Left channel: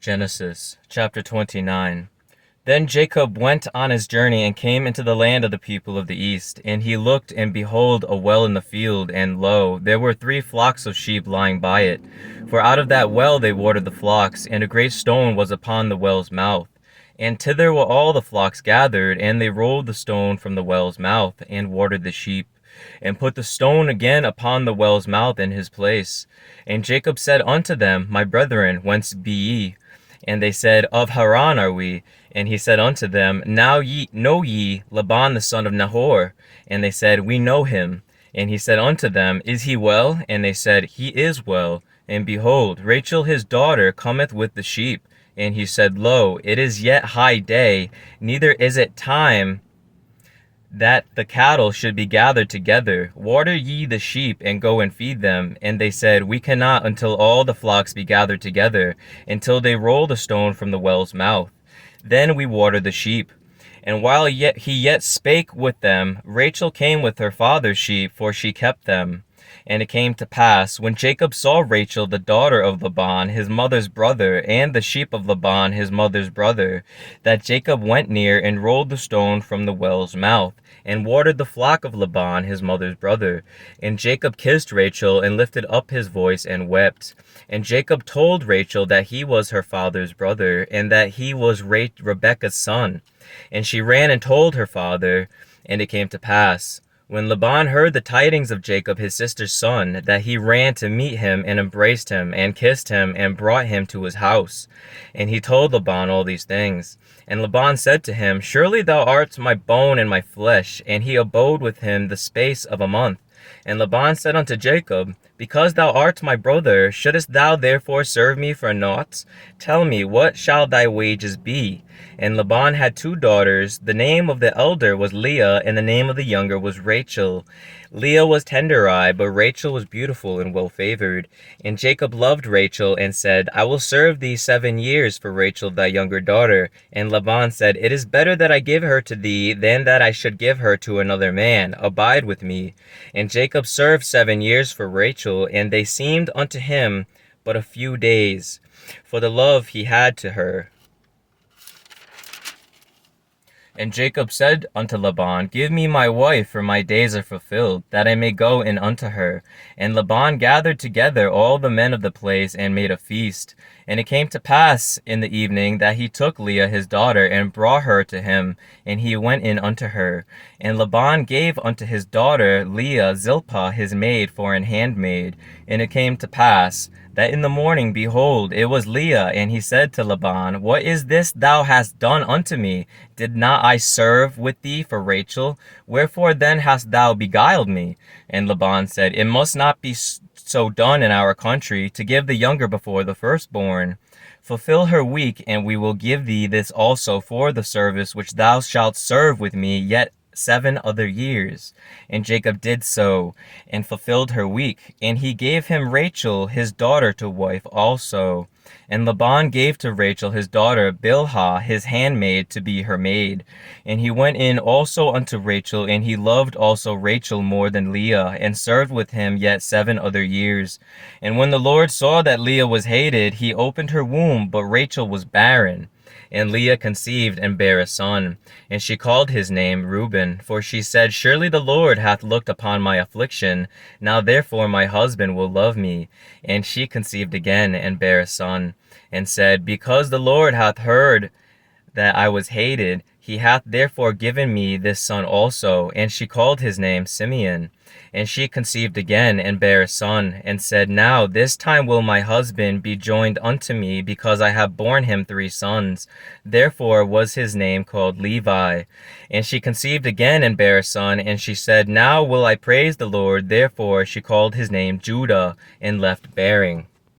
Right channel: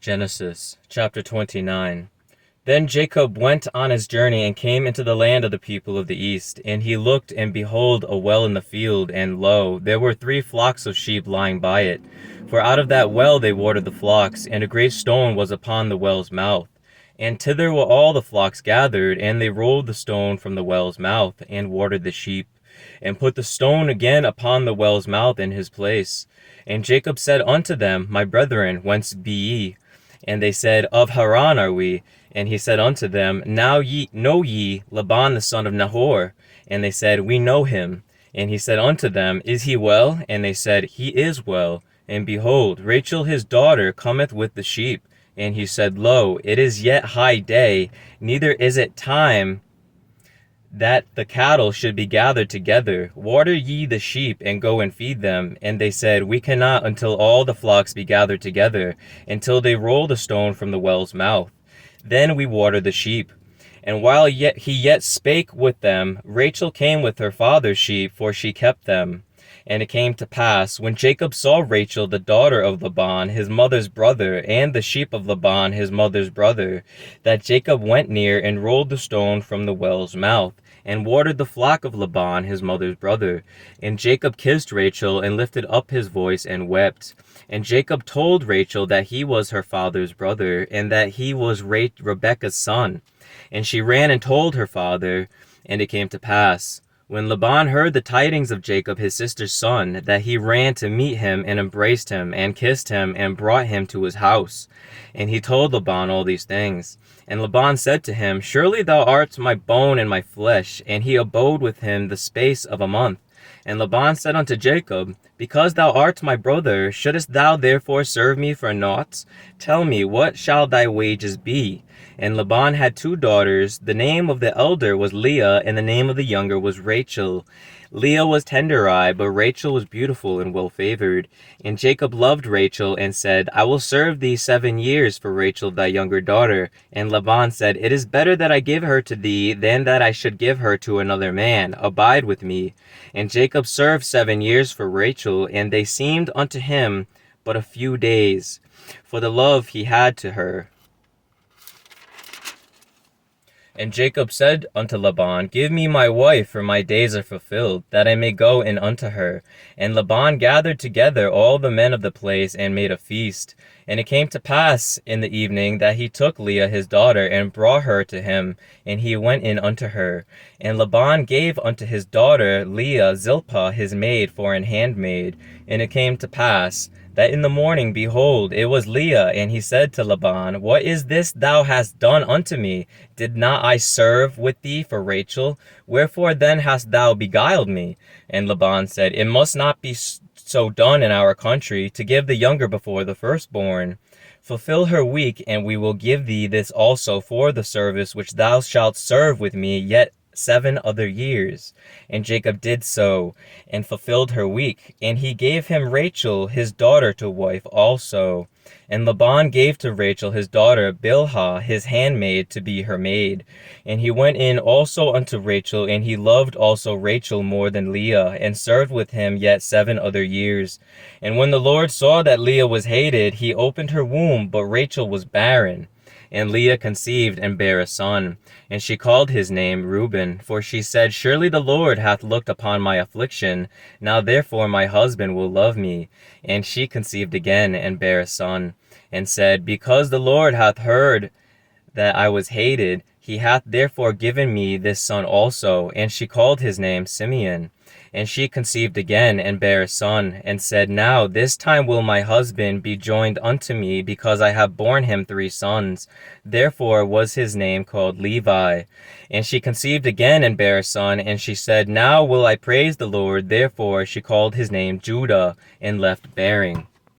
Genesis chapter 29. Then Jacob went on his journey and came into the land of the people of the east. And he looked, and behold, a well in the field, and lo, there were 3 flocks of sheep lying by it. For out of that well they watered the flocks, and a great stone was upon the well's mouth. And thither were all the flocks gathered, and they rolled the stone from the well's mouth, and watered the sheep, and put the stone again upon the well's mouth in his place. And Jacob said unto them, My brethren, whence be ye? And they said, Of Haran are we. And he said unto them, Now know ye Laban the son of Nahor? And they said, We know him. And he said unto them, Is he well? And they said, He is well. And behold, Rachel his daughter cometh with the sheep. And he said, Lo, it is yet high day, neither is it time that the cattle should be gathered together. Water ye the sheep, and go and feed them. And they said, We cannot until all the flocks be gathered together, until they roll the stone from the well's mouth. Then we water the sheep. And while he yet spake with them, Rachel came with her father's sheep, for she kept them. And it came to pass, when Jacob saw Rachel the daughter of Laban his mother's brother, and the sheep of Laban his mother's brother, that Jacob went near and rolled the stone from the well's mouth, and watered the flock of Laban his mother's brother. And Jacob kissed Rachel, and lifted up his voice, and wept. And Jacob told Rachel that he was her father's brother, and that he was Rebekah's son. And she ran and told her father. And it came to pass, when Laban heard the tidings of Jacob his sister's son, that he ran to meet him, and embraced him, and kissed him, and brought him to his house. And he told Laban all these things. And Laban said to him, Surely thou art my bone and my flesh. And he abode with him the space of a month. And Laban said unto Jacob, Because thou art my brother, shouldest thou therefore serve me for naught? Tell me, what shall thy wages be? And Laban had 2 daughters. The name of the elder was Leah, and the name of the younger was Rachel. Leah was tender-eyed, but Rachel was beautiful and well-favored. And Jacob loved Rachel, and said, I will serve thee 7 years for Rachel thy younger daughter. And Laban said, It is better that I give her to thee, than that I should give her to another man. Abide with me. And Jacob served 7 years for Rachel, and they seemed unto him but a few days, for the love he had to her. And Jacob said unto Laban, Give me my wife, for my days are fulfilled, that I may go in unto her. And Laban gathered together all the men of the place, and made a feast. And it came to pass in the evening that he took Leah his daughter, and brought her to him, and he went in unto her. And Laban gave unto his daughter Leah Zilpah his maid for an handmaid. And it came to pass that in the morning, behold, it was Leah. And he said to Laban, What is this thou hast done unto me? Did not I serve with thee for Rachel? Wherefore then hast thou beguiled me? And Laban said, It must not be so done in our country, to give the younger before the firstborn. Fulfill her week, and we will give thee this also for the service which thou shalt serve with me yet 7 other years. And Jacob did so, and fulfilled her week. And he gave him Rachel his daughter to wife also. And Laban gave to Rachel his daughter Bilhah his handmaid to be her maid. And he went in also unto Rachel, and he loved also Rachel more than Leah, and served with him yet 7 other years. And when the Lord saw that Leah was hated, he opened her womb, but Rachel was barren. And Leah conceived and bare a son, and she called his name Reuben, for she said, Surely the Lord hath looked upon my affliction, now therefore my husband will love me. And she conceived again, and bare a son, and said, Because the Lord hath heard that I was hated, he hath therefore given me this son also. And she called his name Simeon. And she conceived again, and bare a son, and said, Now this time will my husband be joined unto me, because I have borne him 3 sons. Therefore was his name called Levi. And she conceived again, and bare a son, and she said, Now will I praise the Lord. Therefore she called his name Judah, and left bearing.